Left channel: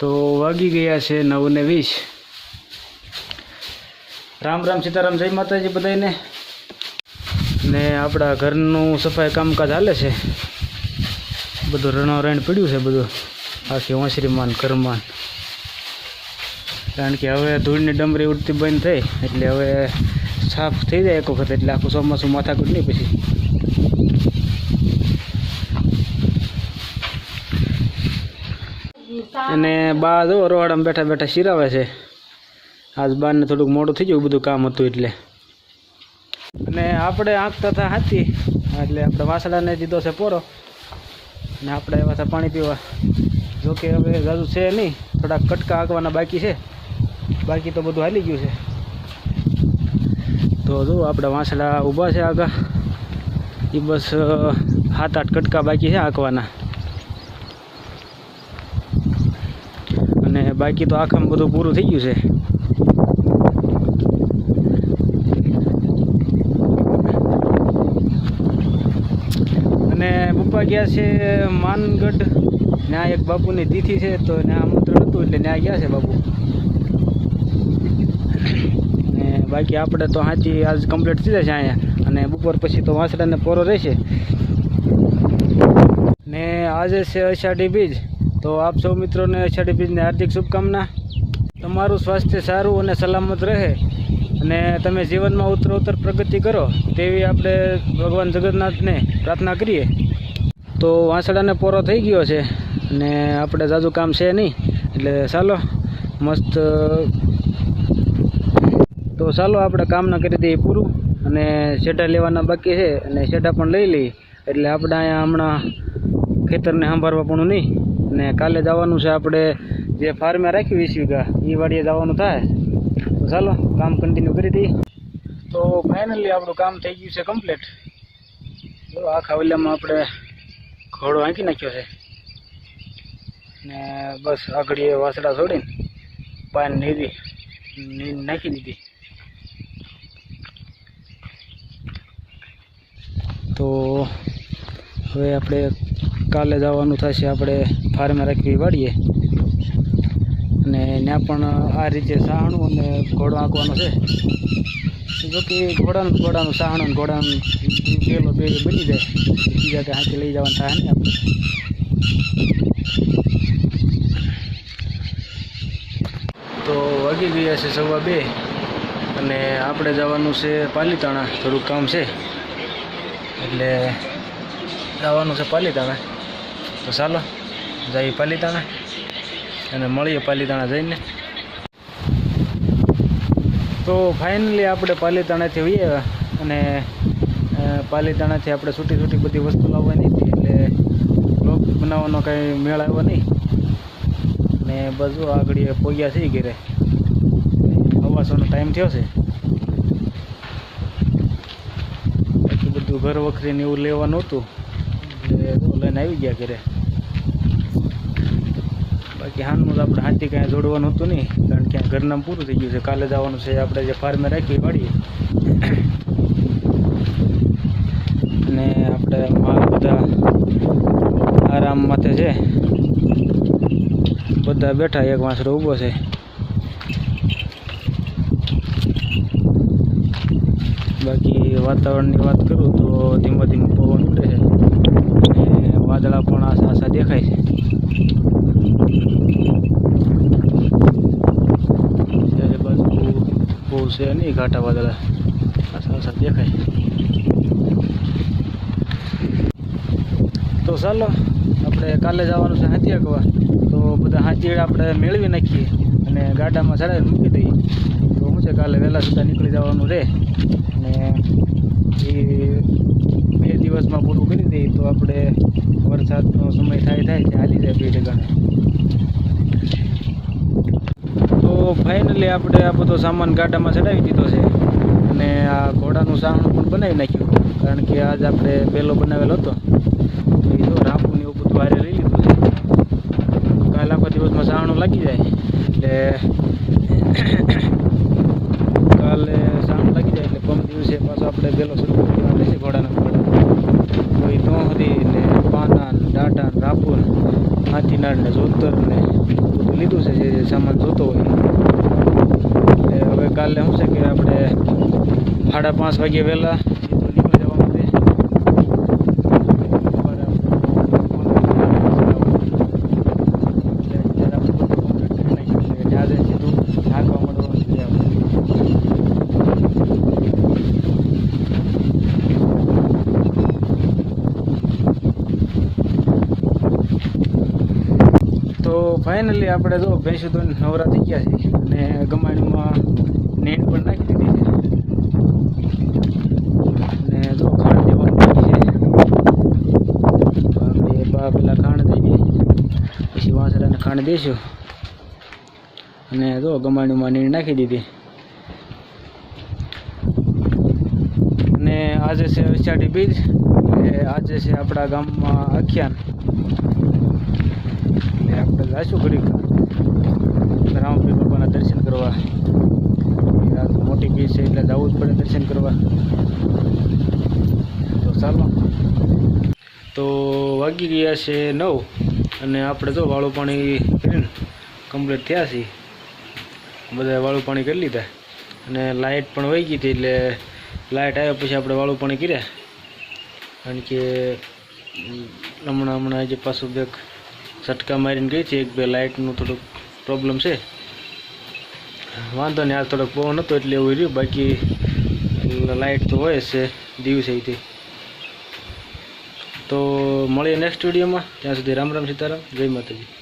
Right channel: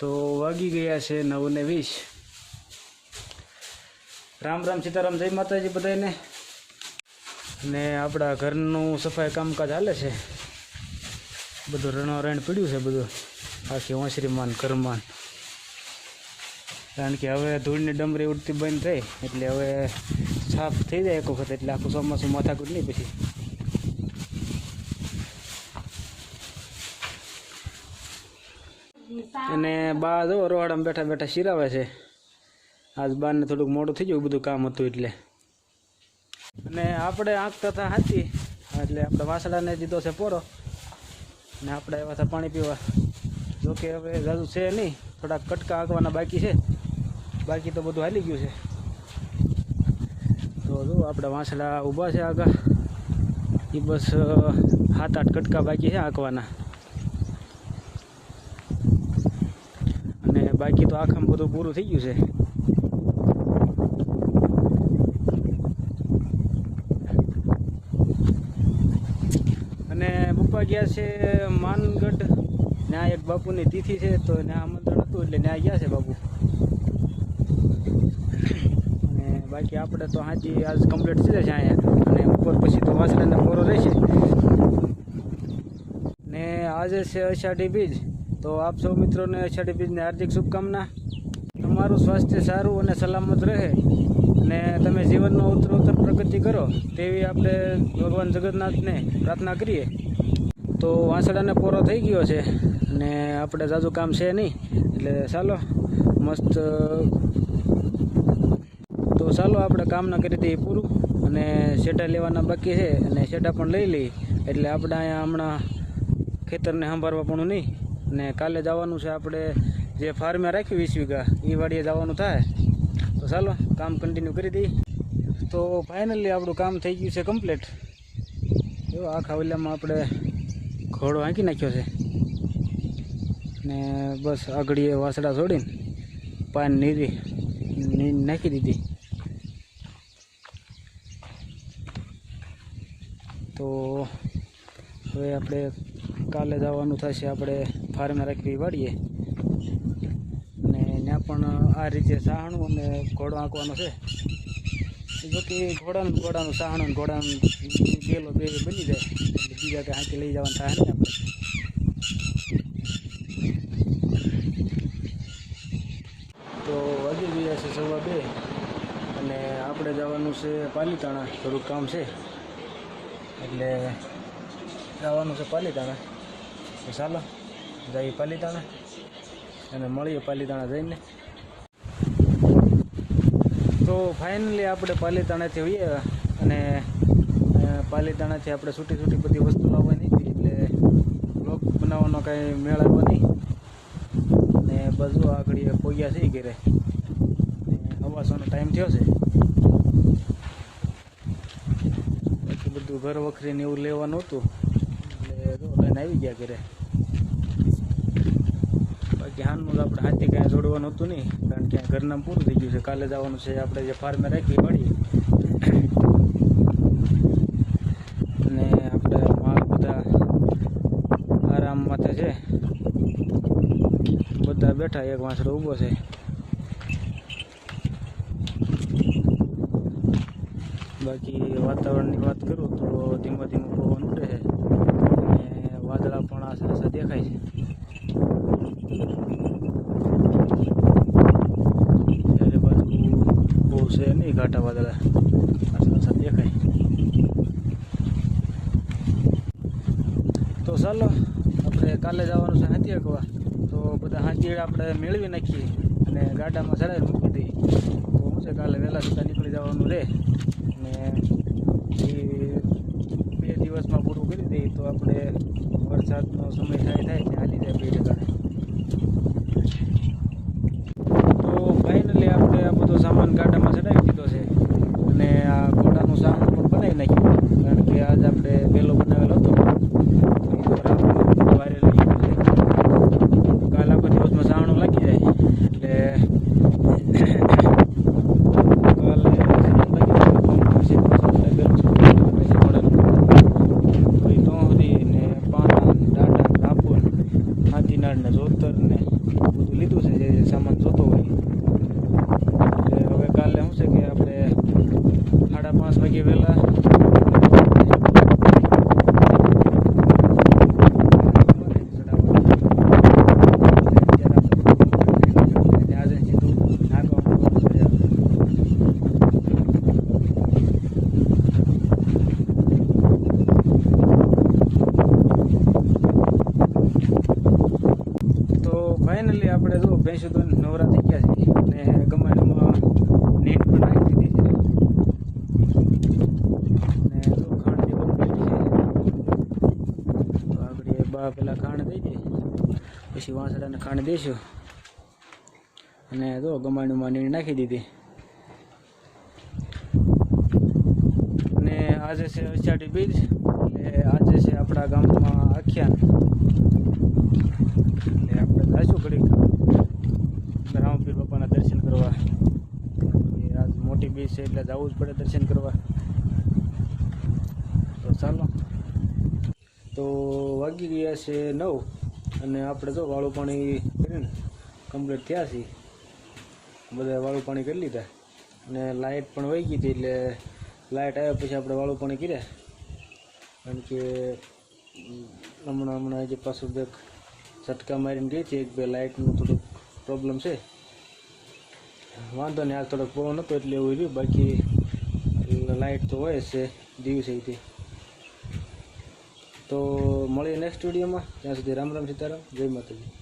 તો વાગી ગયા છે નવ ને વીસ. રામ રામ સીતારામ, જય માતાજી બધાને ને આપણા ઘરનું સફાઈ કામકાજ હાલે છે. બધું રણોરણ પીડ્યું છે બધું. આખી ઓસરીમાં ને ઘરમાં કારણ કે હવે ધૂળની ડમરી ઉડતી બંધ થઈ, એટલે હવે સાફ થઈ જાય એક વખત, એટલે આખું ચોમાસું માથાકૂટ નહીં પછી. અને બા જો રોવાડામાં બેઠા બેઠા શિરાવે છે. આજ બારને થોડુંક મોડું થઈ ગયું બધું કામ હતું એટલે. અને આપણે આંખ તથા હાથી. એટલે આપણે વાસડાને દીધો છે પોરો અને આપણે એવા હતા પાણી પીવા. જોકે હવે જાજુ છે નહીં. થોડાક કટકા આંકવાના બાકી છે. બાકી તો બધું હાલી ગયું છે. તો જો આપણે વાંસડા ઊભા છે આગળ એ બસ સાત આઠ કટકા બાકી છે આંકવાના બાકી તો આખામાં બધું પૂરું થઈ ગયું છે. અને પપ્પા ગયા છે માનગઢ. ત્યાં એક બાપુની તિથિ છે, તો ત્યાં આમંત્રણ હતું એટલે ત્યાં ગયા છે બાપુ. અને બાકી આપણે તો હાજી આજ કમ્પ્લીટ થઈ જશે અહીંયા. અને બપોર પછી તો વાંસડાને પોરો રહેશે. ને આજે છે અષાઢી બીજ. તો આપ સૌ મિત્રોને અષાઢી બીજને હાર્દિક શુભકામના. તમારું સ્વાસ્થ્ય સારું અને સલામત રહે અને તમે જીવનમાં ઉત્તરોત્તર પ્રગતિ કરો તેવી આપણે ભગવાન જગન્નાથને પ્રાર્થના કરીએ. તો વાંસડાને પોરો થઈ ગયો છે અને આપણે જાજુ કામ છે નહીં. એટલે ચાલો, મસ્ત, તો ચાલો આપણે કામના કરી દઈએ પૂરું અને શેઢા લેવાના બાકી છે અને શેઢા પણ લઈ લઈએ. એટલે આપણે અહીંયા હમણાં ખેતરને સંભાળવા પણ નહીં. અને કાલે જવાનું છે આપણે જે ફાર્મે રાખ્યું વીસ વીઘા એ વાડીએ જવાનું થાય. તો ચાલો, કામ કન્ટિન્યુ કરી દઈએ. તો ફાઇનલી આપણું કામ થઈ ગયું છે કમ્પ્લીટ જો આખા ખાવલિયામાં આપણે ઘોડો આંકી નાખ્યો છે. ને બસ આગળીએ વાસડા છોડીને પાન નીરી, ની નાખી દીધી. તો હવે આપણે કાલે જવાનું થશે, આપણે ફાર્મે રાખવી વાડીએ. અને ત્યાં પણ આ રીતે સાહણું અને ઘોડો આંકવાનો છે. જો ઘોડાનું ઘોડાનું સાહણું ઘોડાનું પેલો બે બની જાય. બીજા કે હાથી લઈ જવાનું થાય ને આપણે. તો વાગી ગયા છે સવા બે અને આપણે જવાનું છે પાલીતાણા. થોડુંક કામ છે. એટલે જવાનું છે પાલીતાણા. તો ચાલો, જઈએ પાલીતાણા અને મળીએ પાલીતાણા જઈને. તો ફાઇનલી આપણે પાલીતાણાથી હોઈએ અને પાલીતાણાથી આપણે છૂટી છૂટી બધી વસ્તુ લાવવાની હતી એટલે બ્લોગ બનાવવાનો કાંઈ મેળ આવ્યો નહીં. અને બધું આગળ પોગ્યા છે ઘરે. અવાસોનો ટાઈમ થયો છે. બાકી બધું ઘર વખરીને એવું લેવાનું હતું. એટલે જો આવી ગયા ઘરે. બાકી હાલનું તો આપણે હાથી કાંઈ જોડવાનું હતું નહીં, કારણ કે ઘરનામ પૂરું થઈ ગયું છે. કાલે જવાનું છે આપણે જે ફાર્મે રાખવી વાળી અને આપણે માલ બધા આરામ માથે છે. બધા બેઠા, એક વાંસડો ઊભો છે. બાકી વાતાવરણની વાત કરું તો ધીમો ધીમો પવન ઉડે છે. વાદળા પણ આશા આશા દેખાય છે. બાજુ બહુ છે નહીં ઘાટા વાદળા. આશા આસા દેખાય. તો ચાલો, આપણે કાલે જવાનું છે હાથી અગવા તો બધા હાથી આપણે મેળવી નાખીએ અને ગાડામાં ચડાવીને મૂકી દઈએ. તો શું છે કાલે વહેલા સુધા નીકળી જવાનું રહે અને એ બે દિવસમાં પૂરું કરી દઈએ તો આપણે વરસાદનો સમય થાય થાય હાલી જાય બે ઠેકાણે તો ફાઇનલી આપણે આ બધો સામાન ગાડામાં ચડાવી દીધો છે. અને આ ઘોડાનું સાણું પણ બનાવી નાખ્યું. કારણ કે આજ આપણે પહેલો બનાવેલો હતો. તો એ તો રાપનું છે. કાલ આખો દિવસમાં સાણું લાગી જાય. એટલે કાલે સાણું લાગી જાય પંપ દિવસે પાછો આપણે પહેલો સાહણું રહેશે ઘોડાનો કોઈ તોહરી ને પાના ને ડાટા ને રાપુન હાથીનાળ જોતરને બધું લીધું છે, જે જે સામાન જોતો હોય. એટલે હવે કાલે શું છે કે આપણે સાડા પાંચ વાગે વહેલા આજે સીધું નાખવા મળવાનું છે આપણે તો ફાઇનલી આપણે જો ભેંસું તો નવરા થઈ ગયા છે અને ગમાણીમાં નેટ પણ નાખી દીધી છે. અને જો ખાણ દેવાનું છે. બા પેલા ખાણ દઈ દઈએ પછી વાંસડાને ખાણ દઈશું અને જો ગમાણીમાં નીડ નાખી દીધી. અને આજે છે અષાઢી બીજ. આજે છે આપણા ગામમાં આખ્યાન. એટલે આપણે જઈશું ઘડીક. રામપીર બાપાના દર્શન કરવા. મોટી બીચ છે એટલે જવું જ પડે દર્શન કરવા. તો ચાલો. તો વાગી ગયા છે નવ અને આપણે તો વાળું પાણી કરીને કમ્પ્લીટ થયા છીએ. બધા વાળું પાણી કરી લીધા. અને લાઇટ પણ વહી ગઈ હતી એટલે લાઇટ આવ્યા પછી આપણે વાળું પાણી કર્યા. કારણ કે હમણાં હમણાં જે પાછું બેક ઝટકા મારીને ગઈ છે એક, બે લાઇટનું થોડુંક પ્રોબ્લેમ છે. વાંધો નહીં આજ થોડોક પવન હતો એટલે એવું રહ્યું. બાકી લાઇટ તો હોય છે, દિવસે તે. તો મળીએ નેક્સ્ટ વિડીયોમાં ત્યાં સુધી રામ રામ સીતારામ. જય માતાજી.